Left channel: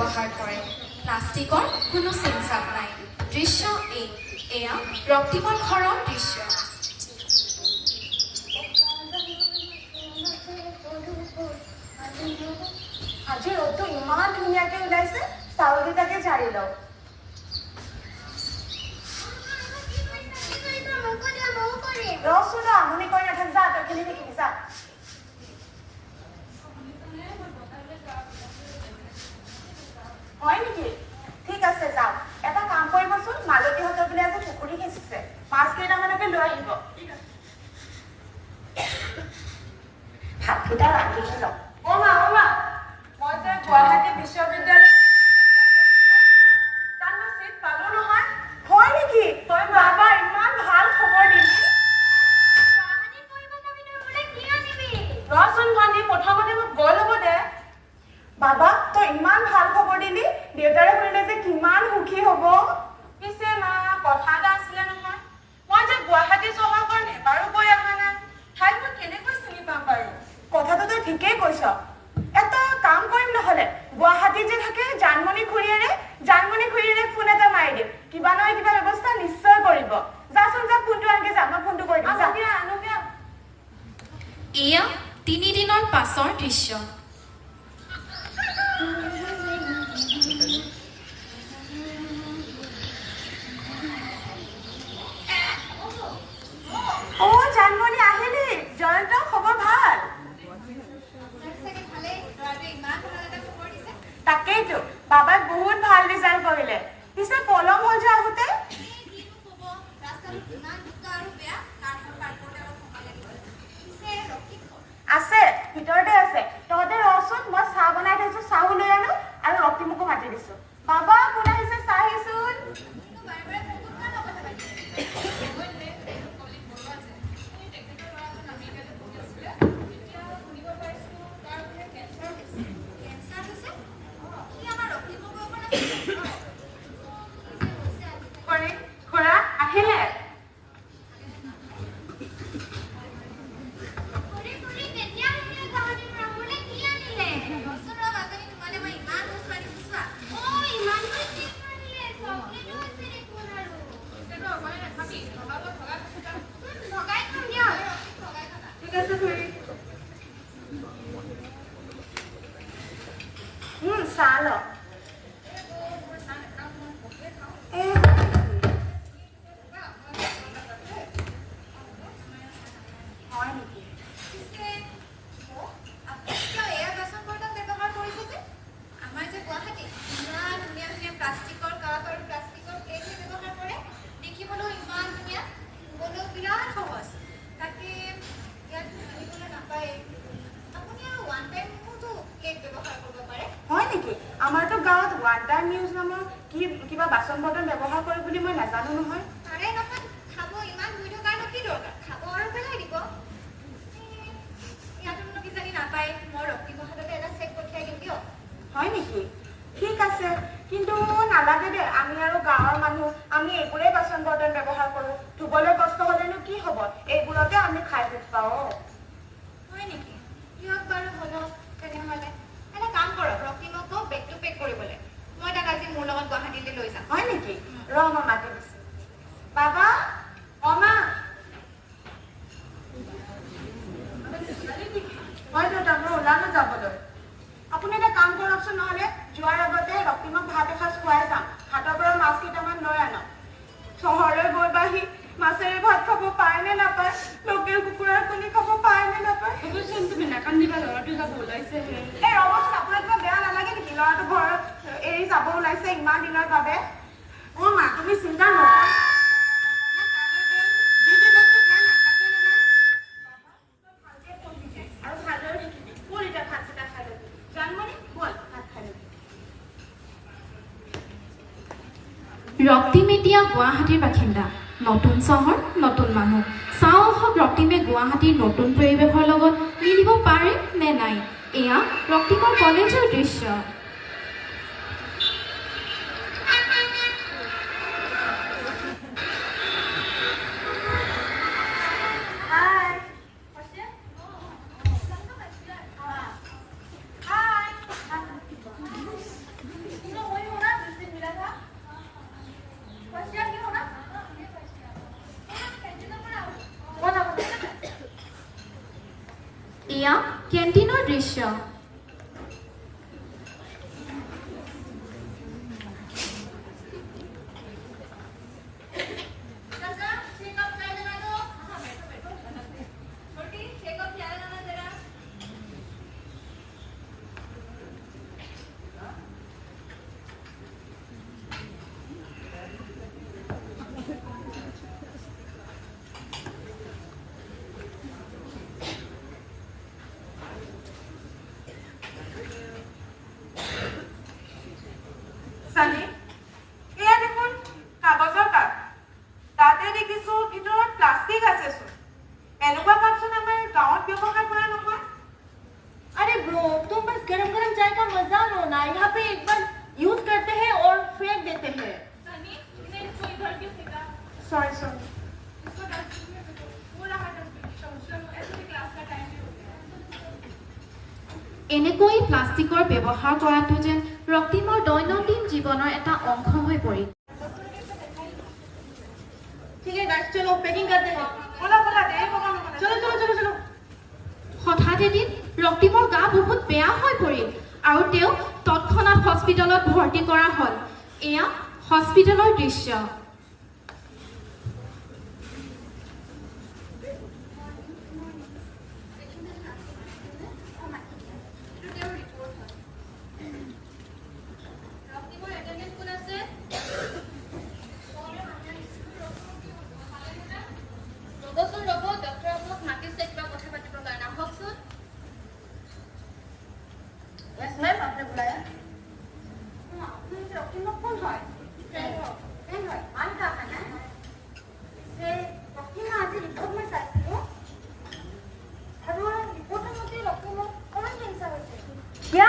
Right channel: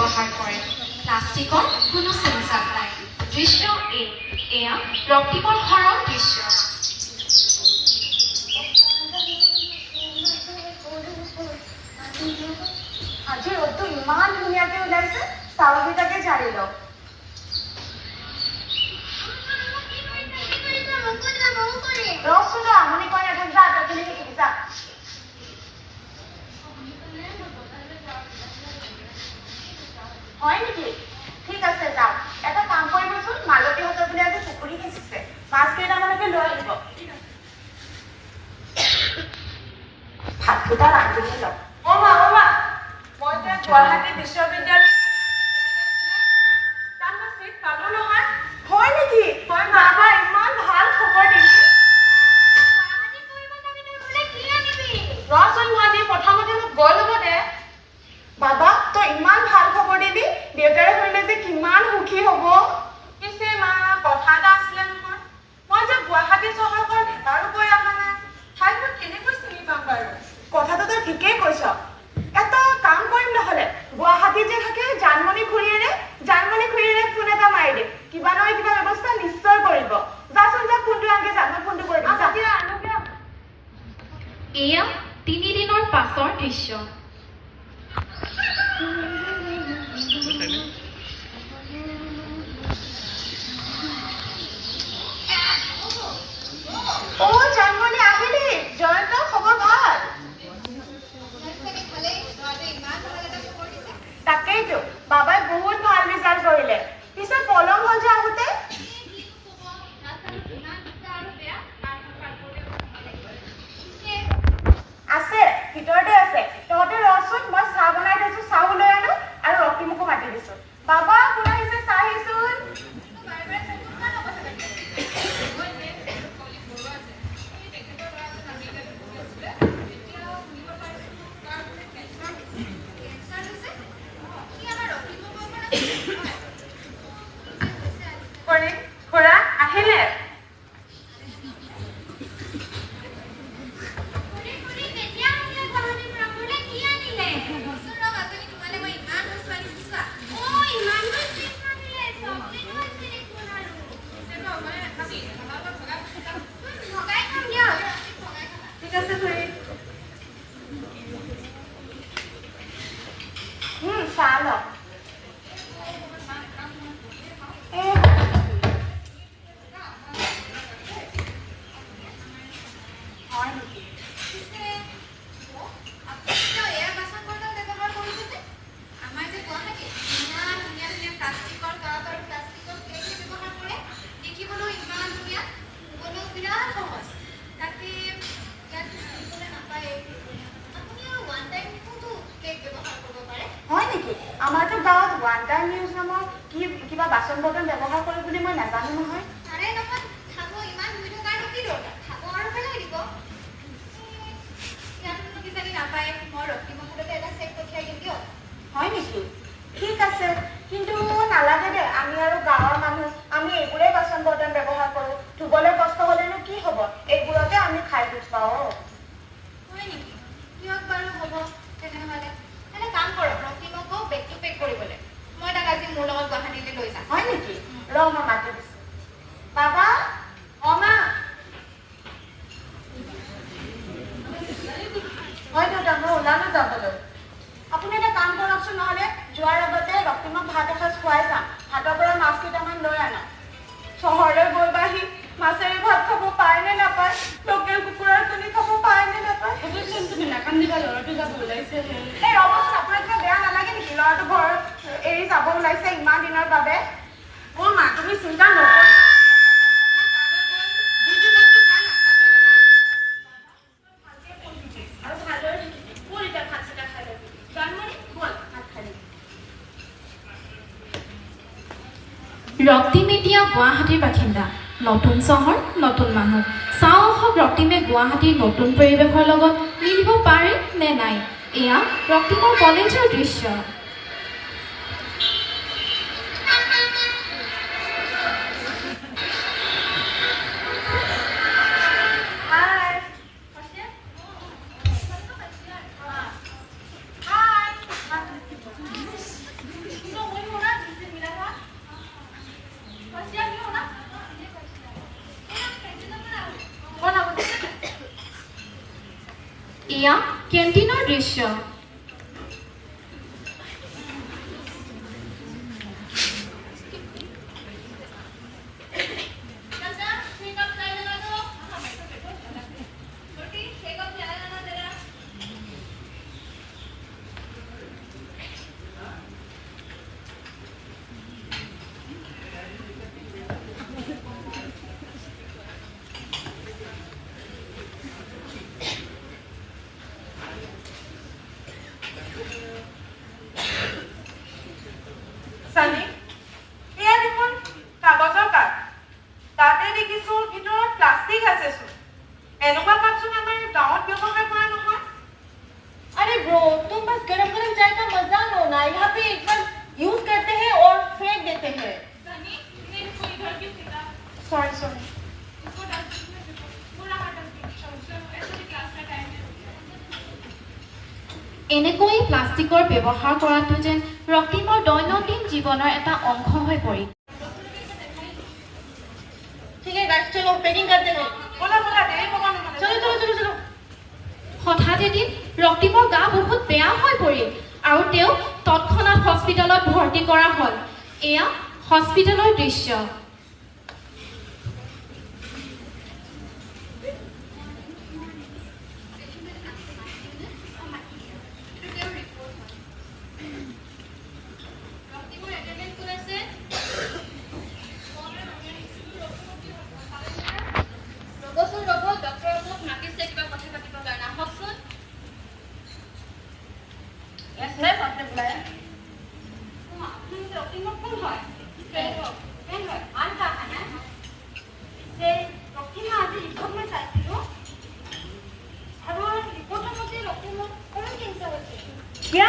ব্যৱহাৰ কৰে প্লাষ্টিকৰ কোনো চিনচাপ নাই দৃশ্য এয়া ৰক্তিমৰ ঘৰৰ দৃশ্য আজি ৰ'দটো ইমান ধুনীয়াকে ওলাইছে চাউলকেইটাকে জাৰি লওঁ ৰচোন আমনি কৰি নাথাক যা তখিনি শিকিবি যা হয় নেকি ঠিক আছে যাওক এটা কাম কৰিবচোন মালতীহঁতৰ বোলে আজি পুখুৰী সিঁচিছে মাছ কেইটামানকে লৈ আহিব ভাতকেইটা ৰান্ধিছে লওক মা মই যে গুৱাহাটী বিশ্ববিদ্যালয় তাত মই চিট পালো নহয় হয় নেকি তই বাবা ইমান ভাল খবৰ দিলি ৰচোন ভণ্টি প্ৰথমতে মোক গৈ ল'ব দে বাবা তই ইমান ভাল খবৰ দিলি দেউতাৰে শুনিলে যে কিমান সুখী হ'ব পিছে মা কথা এটা আছিলে নহয় মই যে গুৱাহাটী চহৰখন এবাৰো গৈ অহা নাই ঠাইখন কেনেকৈ চিনি পাম বাৰু কথাটো তই ঠিকেই কৈছ এটা কাম কৰিম নহ'লে গুৱাহাটীত যে থাকে জানমণি খুৰীৰে ফোন এটা মাৰি দিম কিবা নহয় কিবা ব্যৱস্থা নিশ্চয় কৰিব যাচোন যা ফোনটো আনকে যা মই ফোনটো কৰি দিম আনোগে এয়া 3 দিনৰ পাছৰ দৃশ্য জানমণি আহিলি জয়ন্ত খবৰ ভাল তাকেইতো বাবাই বহুত ভাল ৰিজাল্ট কৰিলে পিছে পলম হ'ল যে আহোঁতে আছে ভিতৰতে আছে তহঁতে ৰচোন মই চাহ বনাই থৈছো চাহ লৈ আনো আৰু ৰক্তিমকো মাতি দিছো বাবা কোন আহিছে চাহ আহিছোন খুৰা আহিলে ঠিক আছে খুৰী চাহ ল আমাৰতো গাঁৱত ওৱান টাইম নিউজ নামৰ কিবা বাচন বৰ্তন ব্যৱহাৰ কৰে বুলি মই নাজানো নহয় হয় নেকি ঠিক আছে কিন্তু নালাগে দে আমি আৰু গাঁৱৰ মানুহ আমি এইবোৰেই বাচন বৰ্তন ব্যৱহাৰ কৰোঁ ধুবলৈ কষ্ট হ'লেনো কি হ'ব এইবোৰতে আমি খাই দুখ পাওঁ হয় নেকি কিয়ক বাৰু হ'ব তেনেহ'লে এটা কাম কৰক ৰক্তিমকো বেগটো পেক কৰিবলৈ মই তাক আজি মোৰ লগত গুৱাহাটীলৈ লৈ যাম হয় নেকি ৰ মই মাতি দিছোঁ বাবা মা হয় দেউতা মই ওলালো যাবলৈ আপুনি এটা কাম কৰকচোন নহ'লে যোৱাৰ আগতে ৰক্তিমক ভাত এসাঁজ খুৱাই যাম হাতৰ পৰা মাছ কেইটামান লৈ আনক চহৰলৈ গৈ বাহি মাছেৰে ভাত খাব পায় নে নাপায় লোকেল কুকুৰাৰ কণী খাব পায় নে নাপায় সেইটোচোন তুমি নাকান্দিবা ল'ৰাটো যাব ওলাইছে এই ৰ'বচোন আপোনাৰ কিবা বেয়া নালাগে নেকি ল'ৰাটো ঘৰত এৰি যাব ওলাইছে ইমান দিনৰ বাবে মা তুমি চিন্তা নকৰা ৰক্তিম এতিয়া গুৱাহাটীৰ বাসিন্দা। নতুন চহৰ, নতুন মানুহ। চাওঁ আহক ৰক্তিমে গুৱাহাটীৰ নতুন পৰিৱেশৰ লগত মিলিব পাৰে নে নাই। এয়া ৰক্তিমৰ কলেজৰ দৃশ্য। এয়া কেণ্টিনৰ দৃশ্য। চানি, এয়া দেখোন কাগজৰ কাপ। তাতে দেখিছো ভিতৰত প্লাষ্টিক আছেচোন। এনেকুৱা কাপচোন আমাৰ গাঁৱত ব্যৱহাৰ কৰা নহয়। अरे ब्रो, तुम बस गरम गरम चाय का मजा लो ना। यहाँ पे एक बार यूज करते हैं और फेंक देते हैं। Sorry sorry. এনেকৈ প্লাষ্টিকৰ ব্যৱহাৰ কৰাটো যেন ৰক্তিমৰ দৈনন্দিন জীৱনৰ এটা অংশ হৈ পৰিল। ठीक है गाइस, चलो पैकिंग करते हैं। बोला बोला देरी होगा ना। चलो चलो चलो चलो। হঠাৎ এদিন ৰক্তিমৰ গা বহুত বেয়া হৈ পৰিল আৰু তেওঁক তৎক্ষণাৎ হস্পিটেলত ভৰ্তি কৰা হ'ল। এয়া হস্পিটেলৰ দৃশ্য। यस मैम, आपने बुलाया? क्या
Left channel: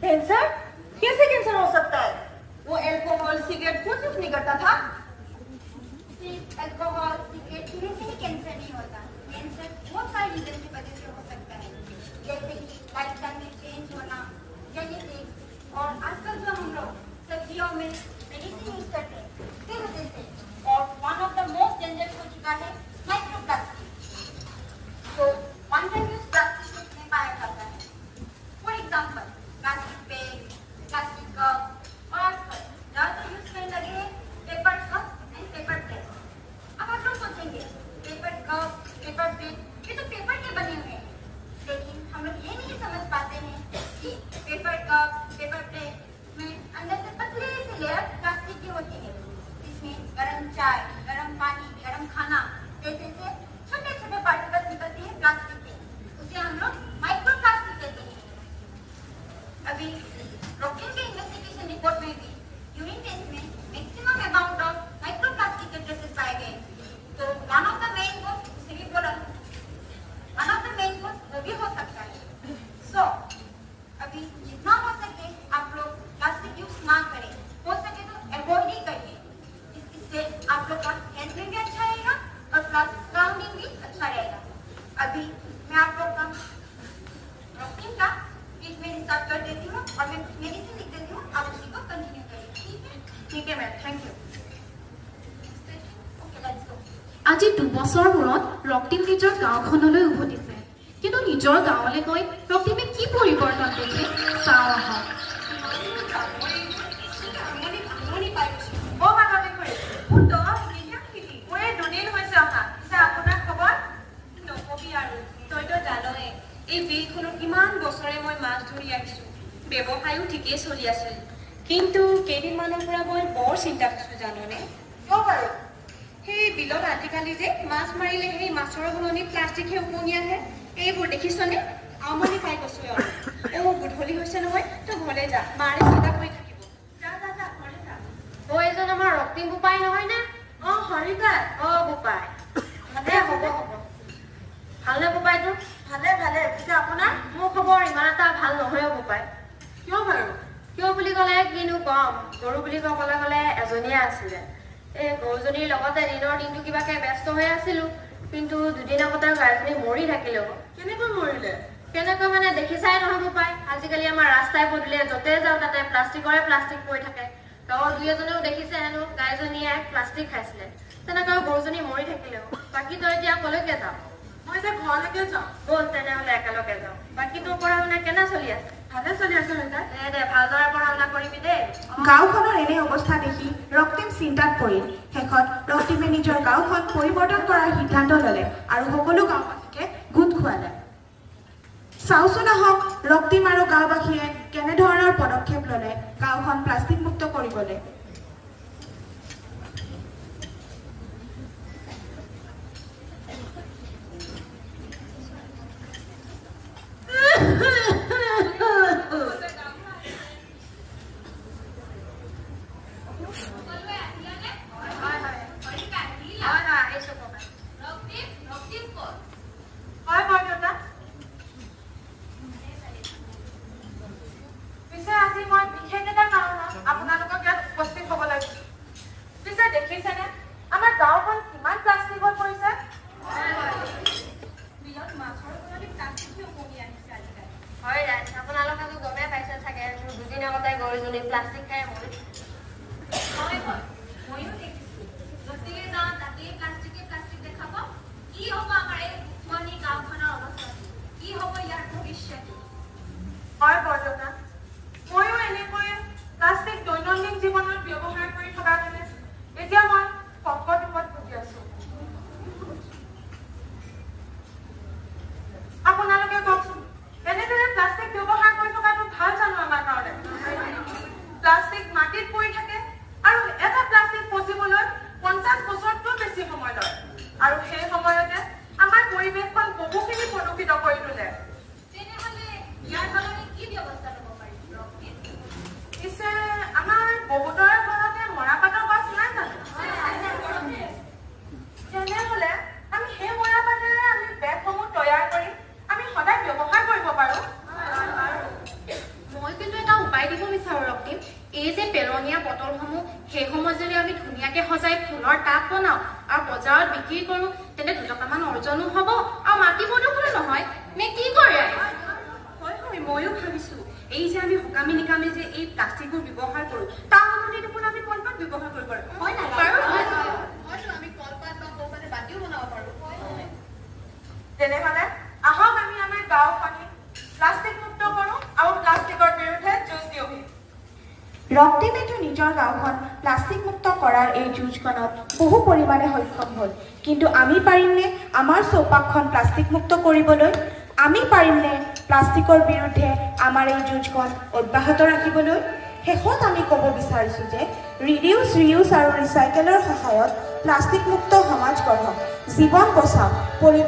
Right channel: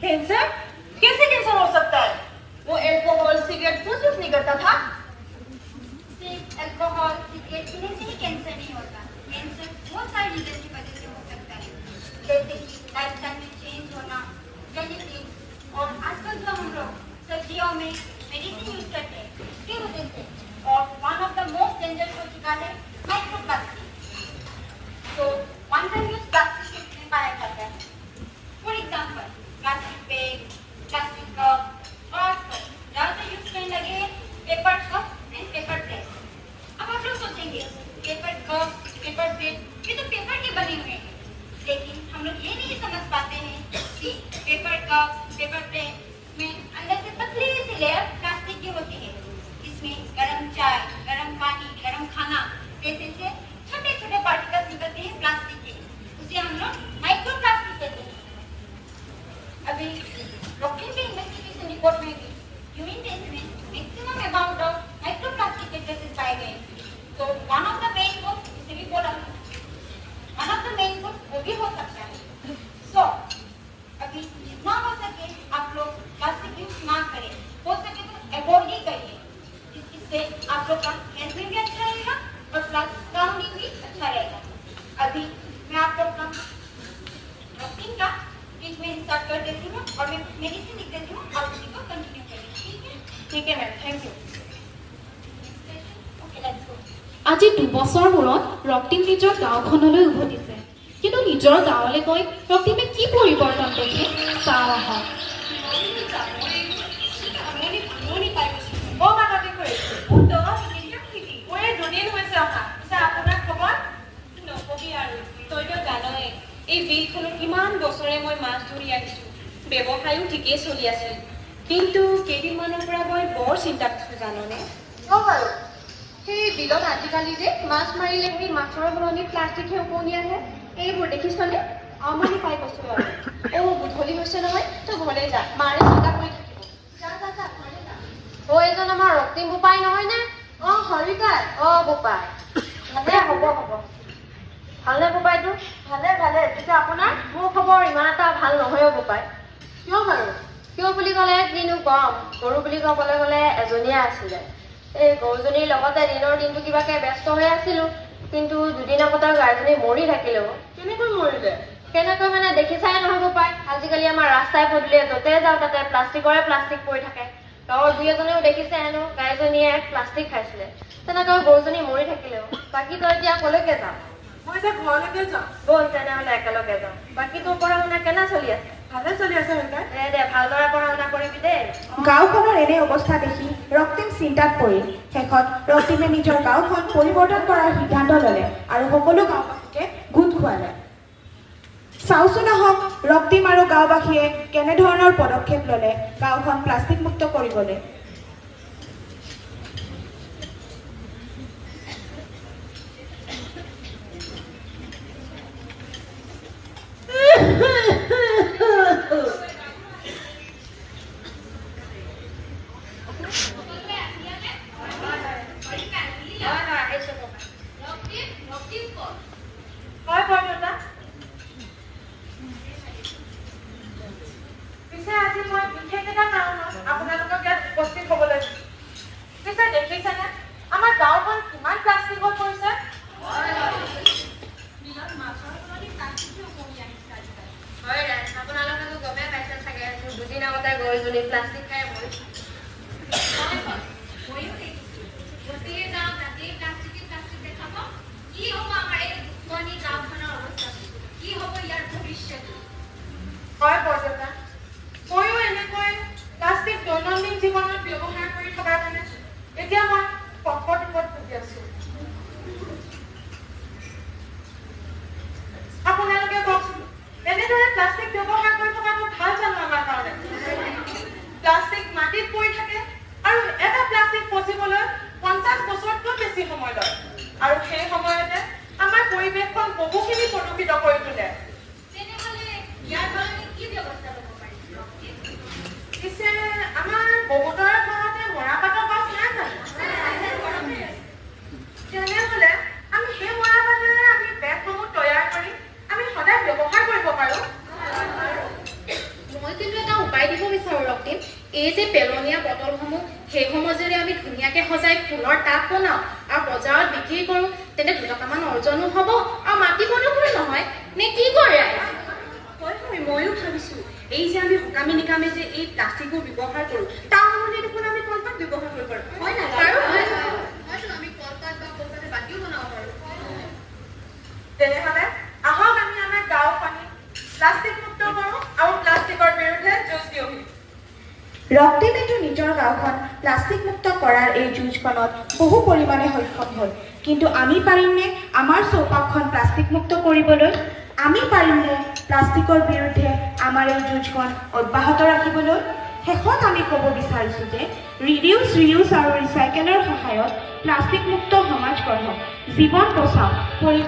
कैंसर? कैसे कैंसर हो सकता है? वो एल्कोहल सिगरेट कुछ यूज नहीं करता था। सिर्फ अल्कोहल सिगरेट पीने से ही कैंसर नहीं होता। कैंसर बहुत सारी रीजन की वजह से हो सकता है, जैसे कि लाइफस्टाइल में चेंज होना, जेनेटिक्स, और आजकल जो हम लोग सब्जियों में मेडिसिन यूज करते हैं उसकी वजह से। और one of the most dangerous हो चुका है माइक्रोप्लास्टिक। तो वन टाइम यूज प्लास्टिक में पाया जाता है। For example plastic bag, plastic cup, और आजकल ज़्यादातर यूज करने लगे paper cup and paper plate. अब आप लोग सोचेंगे पेपर कप, पेपर प्लेट ये तो पेपर के बने हुए हैं, लेकिन हम लोग ये नहीं समझ पाते हैं कि पेपर कप, पेपर प्लेट में अंदर से पतली सी लेयर प्लास्टिक की होती है। इसमें गर्म चाय, गर्म पानी, गर्म खाना जैसे से छोटे छोटे पार्टिकल्स निकलते हैं प्लास्टिक के, उसे हम लोग माइक्रो प्लास्टिक कहते हैं। अभी रॉकिंग के इन्वेस्टिगेशन रिपोर्ट में भी यूरिन टेस्ट में maximum amount of micro plastic K traces पाए गए। तो वन ऑफ द मेन कोज, इसे भी बोला वन ऑफ द मेन कोज वो भी हो सकता है। सो अभी जितना हो सके आप लोग प्लास्टिक यूज ना करें, हो सके तो अवॉइड ही करिए। इससे आप लोग का हेल्थ में भी अच्छा रहेगा और प्लस सराउंडिंग भी अच्छा रहेगा। अभी मैं आप लोग का डॉक्टिंग का ट्रीटमेंट स्टार्ट कर देती हूँ और मैं मेडिसिन लिख देती हूँ, आप उसी को कंटिन्यू करिए। ठीक है ma'am, thank you. Okay let's go. আজি 2 বছৰ মূৰত ৰক্তিম নিজৰ গাঁওখনলৈ উভতিছে। কিন্তু নিজৰ গাঁৱলৈ গৈ ৰক্তিমে কি পৰিৱৰ্তন দেখে চাওঁ আহক। অ মানৱী খুৰী, মোৰ এই দুদিন হৈছে অহা। পিছে আপোনাৰ খবৰ? নকবি আৰু, তইতো জানই এই বিলখনো কিমান বছৰে মই মাছ ধৰি আহিছোঁ। ব্যৱসায়ো ঠিকেই চলি আছিল, কিন্তু কেইদিনমানৰ পৰা মই বৰ চিন্তা কৰিছোঁ জাননে। কিয় বাৰু? সেই বিলত আজিকালি যে মাছ মাৰিলে সেই মাছৰ সলনি প্লাষ্টিকহে উপঙি আহে। এইবোৰ দেখিছনে? আমনি পাই গৈছোঁ আৰু। গধূলি হৈছে নহয়, তই ঘৰলৈ যা, মাৰে চিন্তা কৰি থাকিব। जा जा जा घरे जा। এইজন আমাৰ ৰক্তিম বোপাই নহয়নে? হৰিকাই। বোপাই ভালে হ'ব। ভালনে বোপাইটো? ভালে। পিছে আপোনাৰ? মোৰ খবৰ ইমান এটা ভাল নহয় বোপাই। কিয় বাৰু? কিয় বুলি ক'লে কিনো কম, গৰু বুলি ক'বলৈ গ'লে এজনীয়ে আছিলে। এই গৰুজনীৰ লগতে দিনৰ দিনটো কিবাকে ব্যস্ত হৈ আছিলোঁ, কিন্তু দুদিন আগতে গাইজনী মৰি থাকিলেও। কেনেকৈ মৰিলে? কেনেকৈ মানে দেখিছাই নহয় বোপাই, আজিকালি আমাৰ ৰাস্তাই পদূলিয়ে য'তে যাওঁ তাতে প্লাষ্টিক পৰি থাকে। গাঁৱৰ দুই এজনেও দেখিছে হেনো গাইজনীয়ে প্লাষ্টিক খাইছিলে, তেনেকৈ গৰুজনী মৰি থাকিলেও। বাকী তই এতিয়া কলৈকে যাওঁ? মই এতিয়া ঘৰলৈকে যাওঁ। ব'ল তেনেহ'লে একেলগে যাওঁ। বাকী তোৰ পঢ়া শুনা কেনে চলি আছে? ভালে চলি আছে হৰিকাই। দে ভালদৰে পঢ়া শুনা কৰিবি দেই। গাঁওখনৰ এনে অৱস্থা দেখি ৰক্তিম চিন্তাত পৰিল। শেষত ৰক্তিমে নিজৰ গাঁওখন পৰিৱৰ্তন কৰাৰ সিদ্ধান্ত ল'লে আৰু সকলো গাঁওবাসীকে গোট খোৱালে। চাওচোন আহক ৰক্তিম আৰু গাঁওবাসীয়ে কেনেধৰণৰ পদক্ষেপ ল'লে গাঁওখন প্লাষ্টিক মুক্ত কৰিবলৈ। হয় বৰদেউতা। পিছে আজি মই বিশেষ এটা কাৰণত আপোনালোকক ইয়াত উপস্থিত হ'ব লাগিব। পিছে দেখিছেনে আমাৰ গাঁওখন কিমান প্লাষ্টিকত পৰিছে? হয় ৰাইজ, আপোনালোকেতো গমেই পাইছে চাগে, দুদিন আগতে গৰুজনী প্লাষ্টিক খাই মৰিছে। ময়ো দেখিছো য'তেই যাওঁ তাতেই প্লাষ্টিক দেখাব। কি হ'ব আমাৰ এই পুৰণি গাঁওখনৰ অৱস্থা? কি হ'ব ইয়াৰ ভৱিষ্যত? হয় বৰদেউতা, ময়ো এনেকৈ প্লাষ্টিক দৈনন্দিন জীৱনত ব্যৱহাৰ কৰি থকাৰ কাৰণে এতিয়া মই সংকটত ভুগি আছো। আপোনালোকে কওকচোন, এনেদৰে প্লাষ্টিক ব্যৱহাৰ কৰি থকাটো ভাল জানো আমাৰ কাৰণে? প্লাষ্টিক মাটিত পৰি থাকে আৰু এটা প্লাষ্টিক পচিবলৈ 50 বছৰতকৈ বেছি সময় লয়, আৰু সেই সময়তে আমাৰ পৰিৱেশখন বহুখিনি প্ৰদূষিত কৰি তোলে। তেনেহ'লে ইয়াৰ কাৰণে কি ব্যৱস্থা ল'ব পাৰি? পিছে আমাৰ বহুতৰে ঘৰতে মৰাপাটৰ গছ নাই জানো? তেনেহ'লে আমি সেই মৰাপাটেৰে আমি বেগসমূহ তৈয়াৰ কৰি আমি সদায় ব্যৱহাৰ কৰিব পাৰোঁ। মই কিন্তু এটা উপায় দিব বিচাৰোঁ ৰক্তিম। এই যে পেলনীয়া বটলসমূহ, সেইসমূহ যদি আমি ধুনীয়াকৈ সজাই ফুলৰ টাব বনাওঁ আৰু বজাৰত বিক্ৰী কৰোঁ, তেন্তে 2 টকামান অৰ্জনো হ'ব আৰু মাটি প্ৰদূষণো নহয়। নে কি কৰে? হয় ময়ো ভাবিছোঁ, এই যে আমি সকামে নিকামে যে এই প্লাষ্টিকবোৰ ব্যৱহাৰ কৰোঁ, তাৰ সলনি দেখোন আমি কলপাত ব্যৱহাৰ কৰিব পাৰোঁ। হয় নাই? হয়তো আমি কলপাত বা কলপাতে বাতিও বনাব পাৰোঁ। তেনেহ'লে আহক আমি আমাৰ গাঁওখনি প্লাষ্টিক মুক্ত কৰোঁ আৰু প্লাষ্টিকৰ বিৰুদ্ধে যুঁজ দিওঁহি। ৰক্তিমেতো নিজৰ গাঁওখন প্লাষ্টিক মুক্ত কৰাৰ এই যুঁজখনত বহু পৰিমাণে সক্ষম হ'ল, কিন্তু আমি পাৰিমনে আমাৰ চৌপাশখন প্লাষ্টিক মুক্ত কৰিবলৈ? আমি পাৰিমনে প্লাষ্টিকৰ বিৰুদ্ধে আমাৰ এই যুঁজখন অব্যাহত ৰাখিবলৈ? শেষত আমি ক'ব বিচাৰিছোঁ যে ৰিডিউচ, ৰিউজ আৰু ৰিচাইকেলৰ সহায়ত প্লাষ্টিক মুক্ত সমাজ গঢ়ক, জীৱন বচাওক, পৰিৱেশ